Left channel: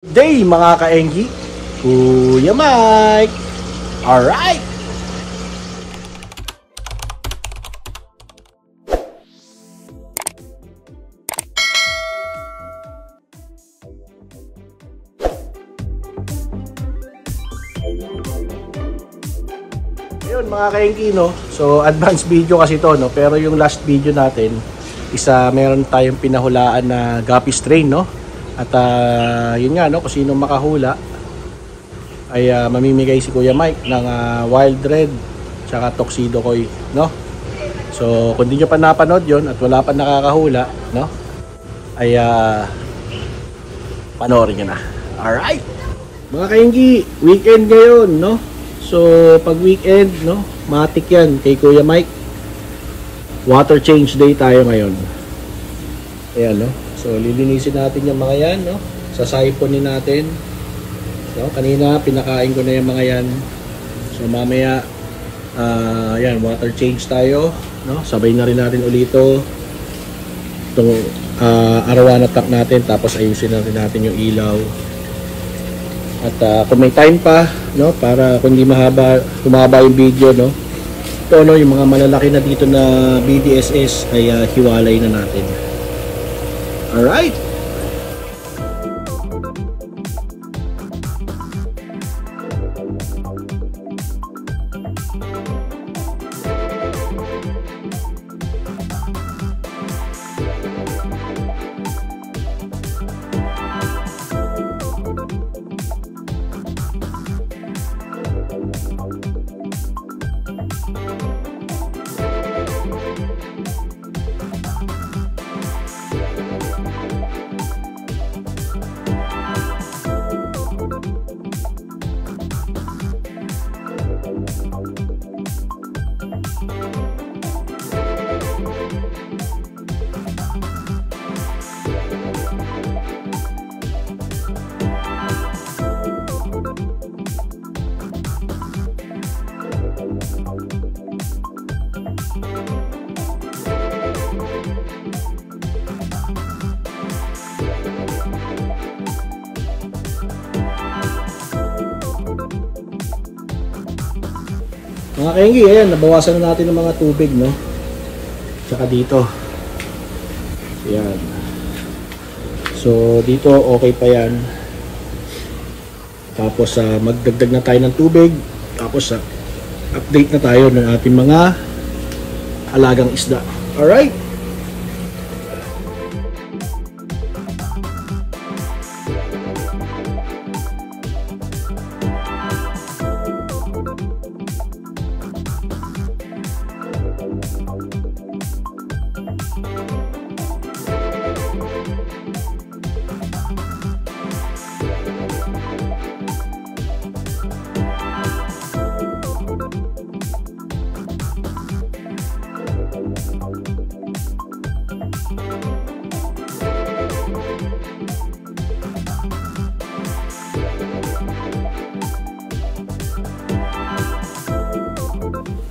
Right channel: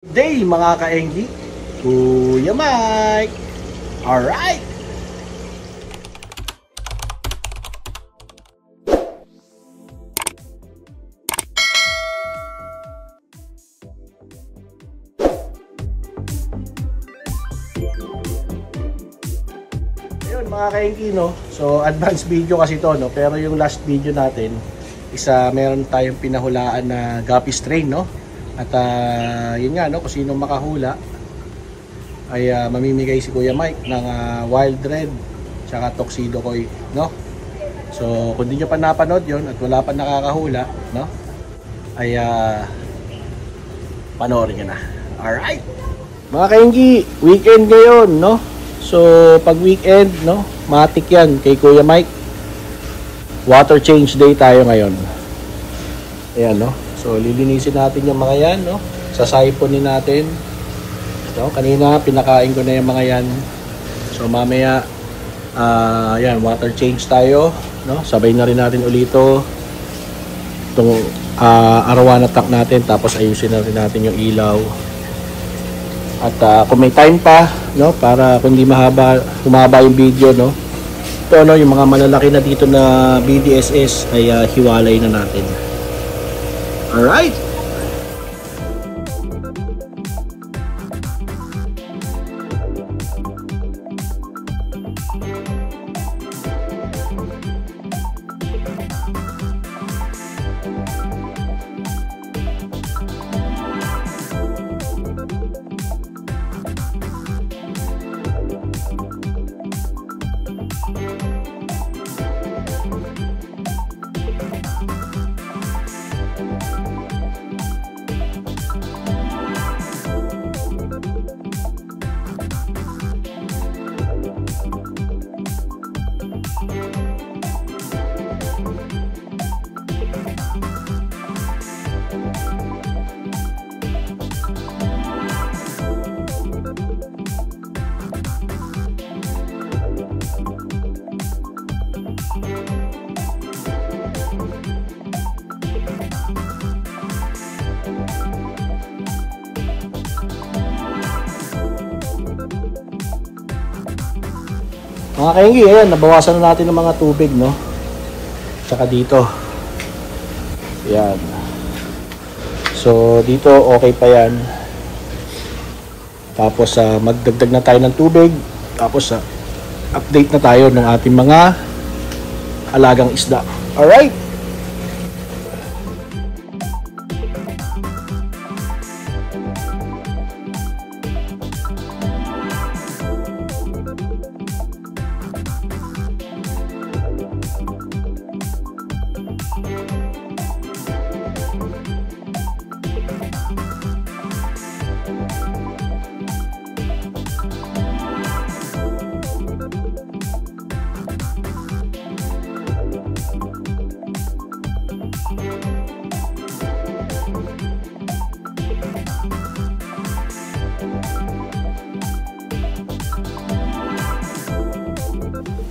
Day mga ka-Engi, Kuya Mike. Alright. Ayun mga ka-Engi, no. So advanced video kasi to, no. Pero yung last video natin, meron tayong pinahulaan na guppy strain, no. At yun nga, no, kung sino makahula ay mamimigay si Kuya Mike ng Wild Red tsaka Tuxedo Koi, no. So kung di nyo pa napanood yun at wala pa nakakahula, no, ay panoorin nyo na. Alright mga ka-Engi, weekend ngayon, no. So pag weekend, no, matik yan kay Kuya Mike. Water change day tayo ngayon. Ayan, no. So lilinisin natin yung mga yan, no? Sasaiponin natin. No? Kanina pinakain ko na yung mga yan. So mamaya yan, water change tayo, no? Sabay na rin natin ulito itong arawan attack natin, tapos ayusin na rin natin yung ilaw. At kung may time pa, no, para kung hindi humaba yung video, no, ito, no, yung mga malalaki na dito na BDSS ay hiwalay na natin. Alright. Mga ka-Engi, ayan, nabawasan na natin ng mga tubig, no? Tsaka dito. Ayan. So, dito okay pa yan. Tapos, magdagdag na tayo ng tubig. Tapos, update na tayo ng ating mga alagang isda. Alright!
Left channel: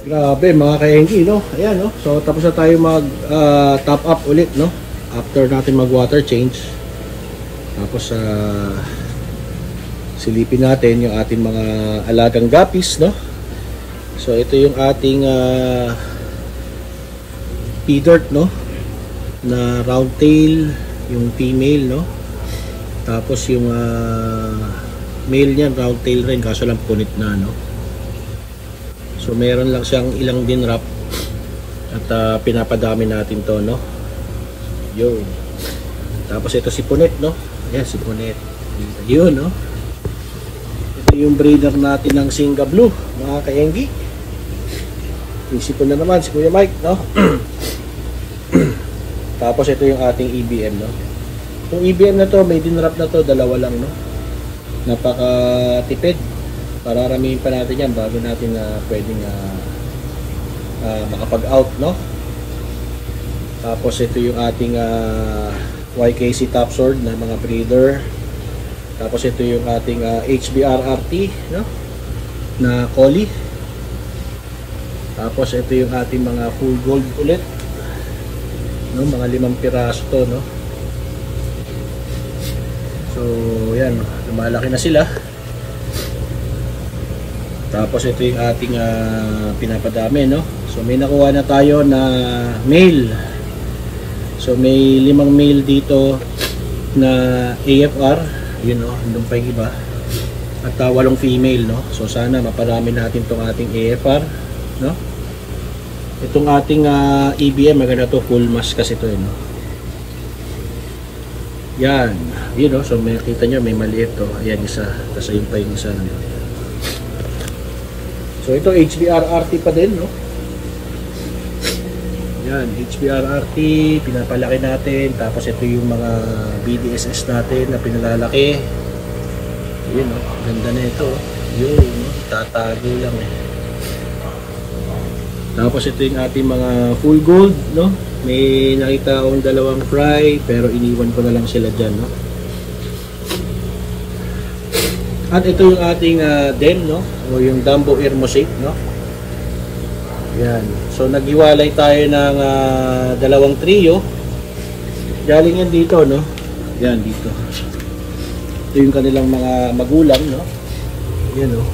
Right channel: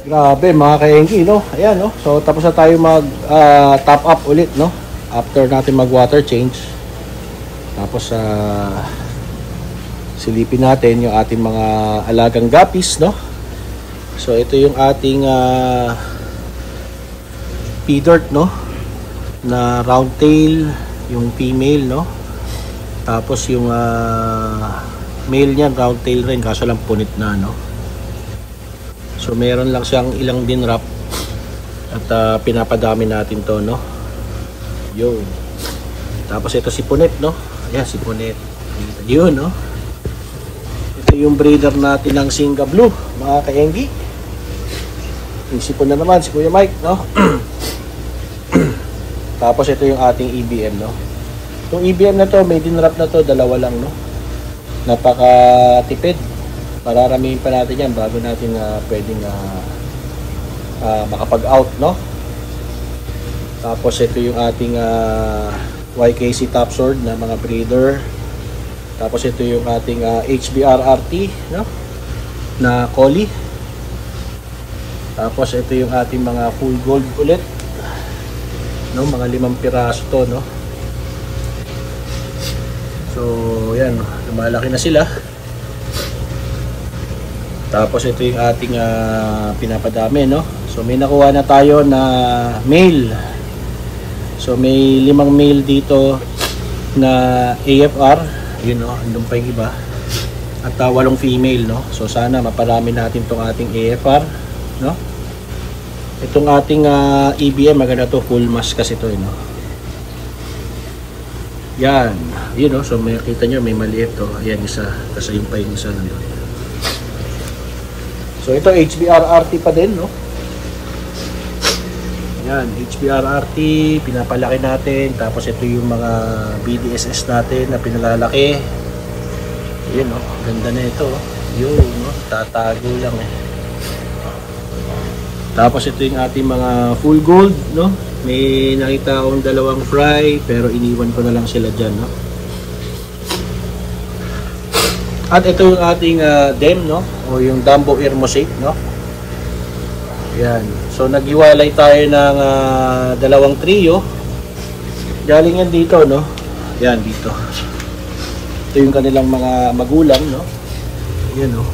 Grabe mga ka-Engi, no? Ayan, no? So tapos na tayo mag top up ulit, no? After natin mag water change. Tapos silipin natin yung ating mga alagang guppies, no? So ito yung ating P-dirt, no? Na round tail, yung female, no? Tapos yung male niyan round tail rin, kaso lang punit na, no? So meron lang siyang ilang din wrap at pinapadami natin to, no. Yun. Tapos ito si Punet, no. Ayan si Punet. Yun, no. Ito yung breeder natin ng Singa Blue, mga ka-Engi. Isipon na naman si Kuya Mike, no. Tapos ito yung ating EBM, no. Itong EBM na to, may din wrap na to, dalawa lang, no. Napaka-tipid. Mararamihin pa natin yan bago natin pwedeng makapag-out, no? Tapos ito yung ating YKC Top Sword na mga breeder. Tapos ito yung ating HBR RT, no? Na collie. Tapos ito yung ating mga full gold ulit. No, mga 5 piraso to, no. So, yan. lumalaki na sila. Tapos ito yung ating pinapadami, no? So may nakuha na tayo na male. So may 5 male dito na AFR, yun, no? Andun pa yung iba. At 8 female, no? So sana maparami natin tong ating AFR, no? Itong ating EBM, maganda to, full mask kasi to, no? Yan, yun, no? So may kita nyo, may maliit to. Ayan, isa. Tapos yun pa yung isa, no? So ito HBR-RT pa din, no? Yan, HBR-RT, pinapalaki natin. Tapos ito yung mga BDSS natin na pinalalaki. Yan, no? Ganda na ito. Yun, no? Tatago lang, eh. Tapos ito yung ating mga full gold, no? May nakita akong 2 fry, pero iniwan ko na lang sila dyan, no? At ito yung ating DEM, no? O yung Dumbo Hermosate, no? Yan. So naghiwalay tayo ng 2 trio. Galing yan dito, no? Yan, dito. Ito yung kanilang mga magulang, no? Yan, no?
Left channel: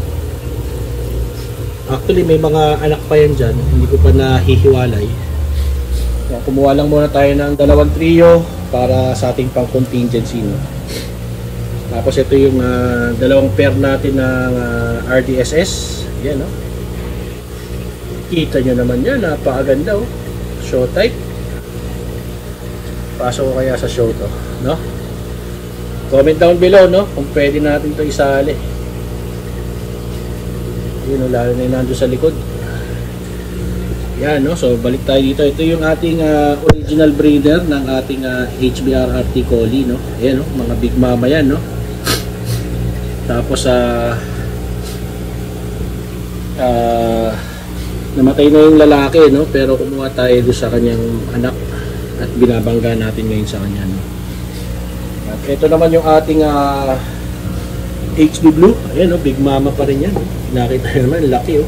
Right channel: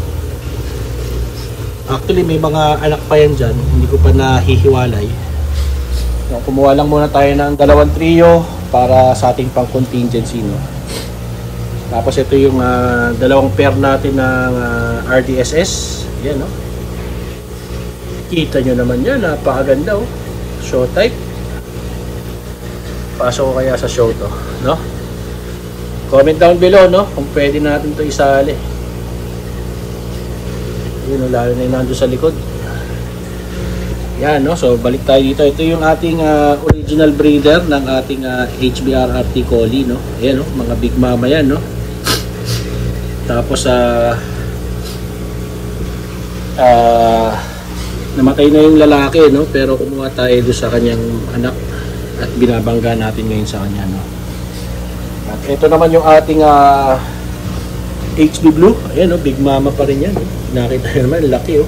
Actually, may mga anak pa yan dyan. Hindi ko pa nahihiwalay. So, kumuha lang muna tayo ng 2 trio para sa ating pang contingency, no? Tapos ito yung 2 pair natin ng RDSS. Yan, no? Kita nyo naman yan, napakaganda, oh. Show type. Pasok ko kaya sa show to, no? Comment down below, no? Kung pwede natin to isali. Yun, lalo na yung nandun sa likod. Yan, no? So balik tayo dito. Ito yung ating original breeder ng ating HBR-RT Collie, no? Ayan, no? Mga big mama yan, no? Tapos namatay na yung lalaki, no? Pero kumuha tayo doon sa kanyang anak at binabangga natin ngayon sa kanya, no? At ito naman yung ating HB Blue. Ayan, no? Big mama pa rin yan. Nakita nyo naman, laki, oh.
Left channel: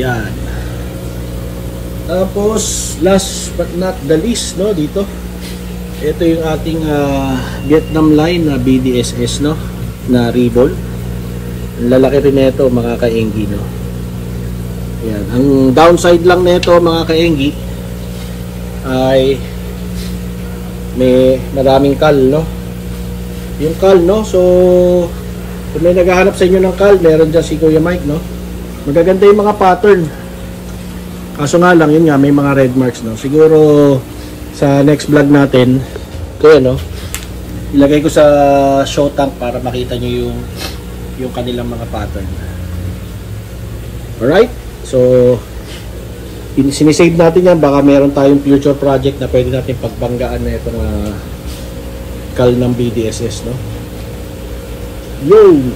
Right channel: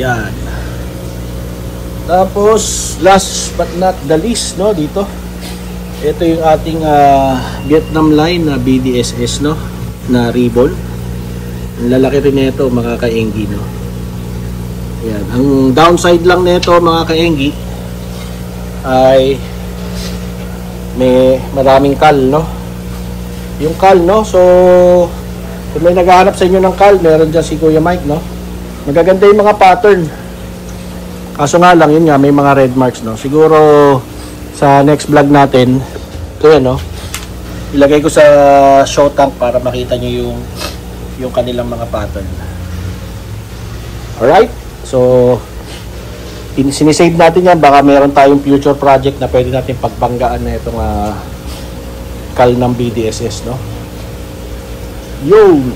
Yan. Tapos last but not the least, no, dito ito yung ating Vietnam line na BDSS, no, na ribbon. Ang lalaki rin nito, mga kaenggi, no. Yan. Ang downside lang nito, mga kaenggi, ay may maraming kal, no. Yung kal, no, so kung may naghahanap sa inyo ng kal, meron dyan si Kuya Mike, no. Magaganda yung mga pattern. Kaso nga lang, yun nga, may mga red marks, no. Siguro sa next vlog natin, ito yan, no, ilagay ko sa show tank para makita nyo yung kanilang mga pattern. Alright, so sinisave natin yan. Baka meron tayong future project na pwede natin pagbanggaan na itong kal ng BDSS, no. Yun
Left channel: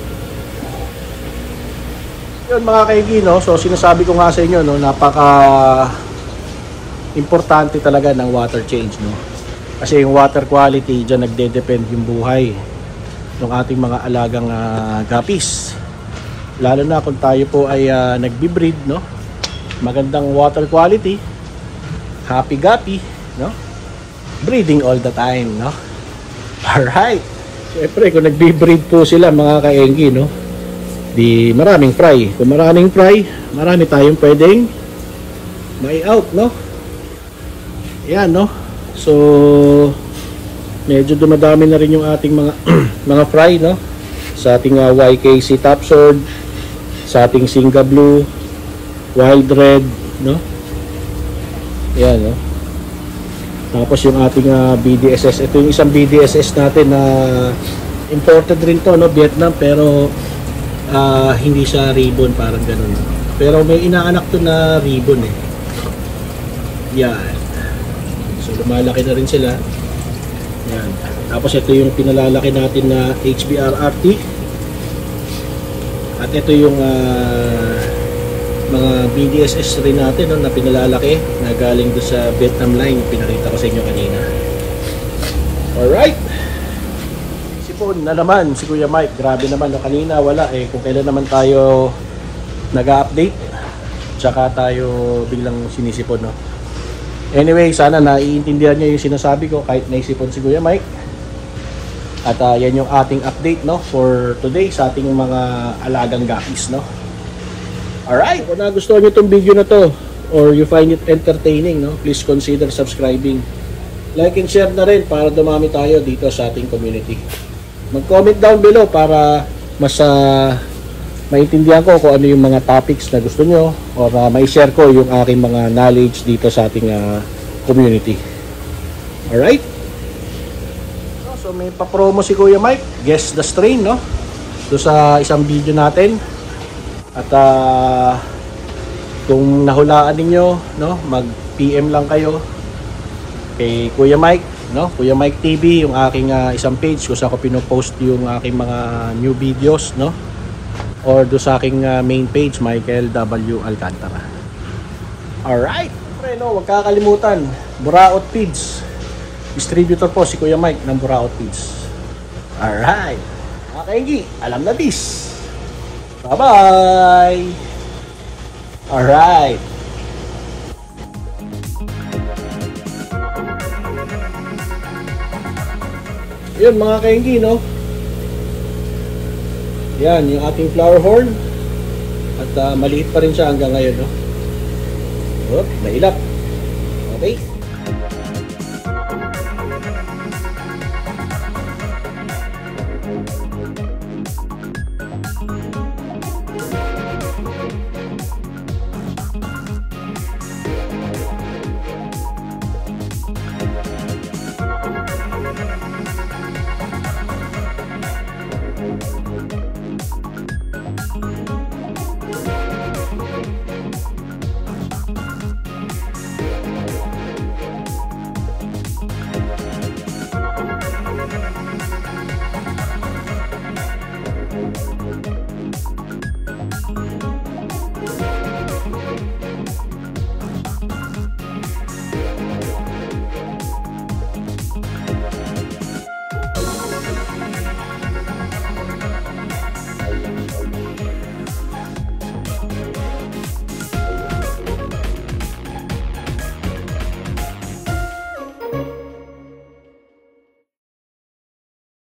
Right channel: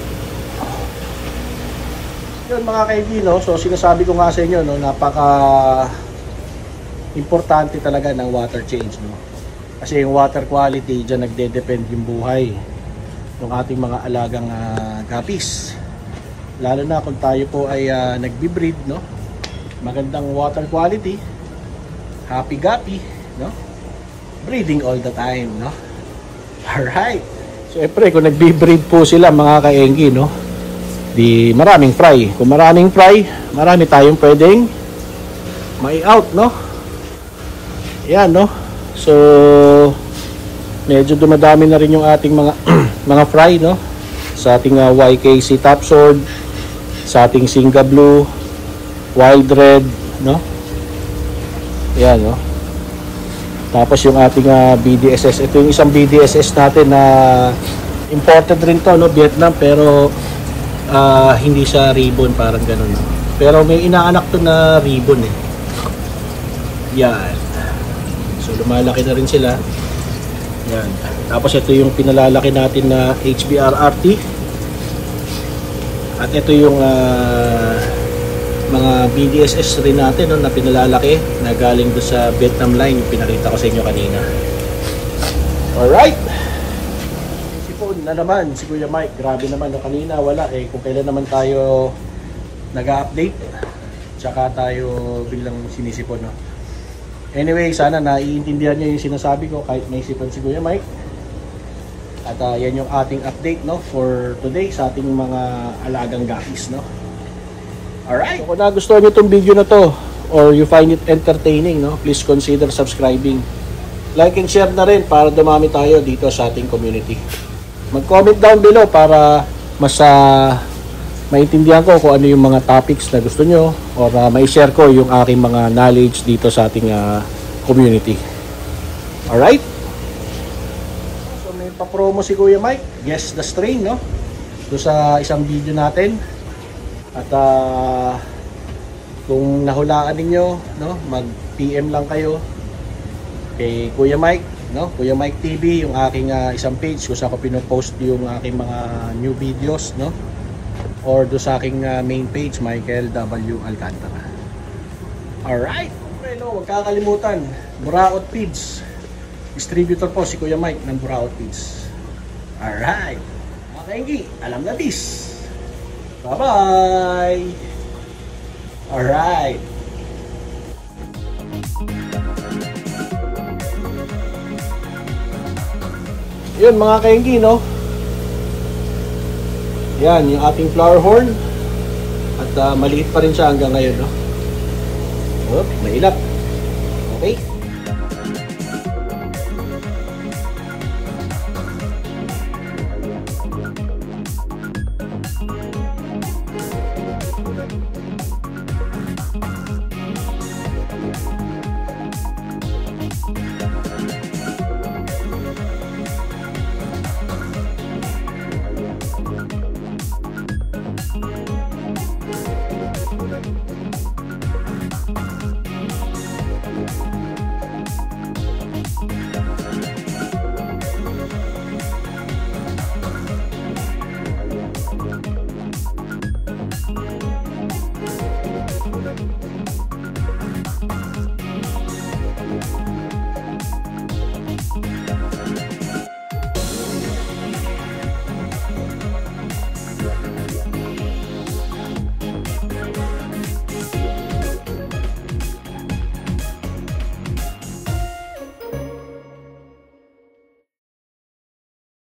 mga kaigi, no. So sinasabi ko nga sa inyo, no, napaka importante talaga ng water change, no. Kasi yung water quality, dyan nagde-depend yung buhay ng ating mga alagang guppies. Lalo na kung tayo po ay nagbi-breed, no. Magandang water quality, happy guppy, no. Breeding all the time, no. Alright. Siyempre, kung nagbi-breed po sila, mga kaenggi, no, di maraming fry. Kung maraming fry, marami tayong pwedeng may out, no. Yan, no. So medyo dumadami na rin yung ating mga mga fry, no, sa ating YKC Top Sword, sa ating Singa Blue, Wild Red, no. Yan, no. Tapos yung ating BDSS, ito yung isang BDSS natin na imported rin to, no, Vietnam, pero hindi siya ribbon, parang ganun, no? Pero may inaanak to na ribbon, eh. Yan. So lumalaki na rin sila. Yan. Tapos ito yung pinalalaki natin na HBR-RT. At ito yung mga BDSS rin natin, no, na pinalalaki na galing doon sa Vietnam line, yung pinakita ko sa inyo kanina. Alright. Sipon na naman si Kuya Mike. Grabe naman, no, kanina wala, eh. Kung kailan naman tayo nag-update, tsaka tayo biglang sinisipon, no. Anyway, sana naiintindihan nyo yung sinasabi ko kahit naisipon si Kuya Mike. At yan yung ating update, no, for today sa ating mga alagang guppies, no. Alright, kung nagustuhan nyo itong video na to or you find it entertaining, no, please consider subscribing. Like and share na rin para dumami tayo dito sa ating community. Mag-comment down below para mas maintindihan ko kung ano yung mga topics na gusto nyo o mai-share ko yung aking mga knowledge dito sa ating community. Alright? So may pa-promo si Kuya Mike, Guess the Strain, no? So sa isang video natin. At kung nahulaan ninyo, no, mag-PM lang kayo kay Kuya Mike, no? Kuya Mike TV, yung aking isang page kung saan ko pinopost yung aking mga new videos, no? Or do sa aking main page, Michael W. Alcantara. Alright, no, huwag kakalimutan, Buraot Feeds. Distributor po si Kuya Mike ng Buraot Feeds. Alright, mga kaingi, alam na this. Bye-bye. Alright. Yun mga kaingi, no? Yan, yung ating flower horn. At maliit pa rin siya hanggang ngayon, no? Oh, nailap.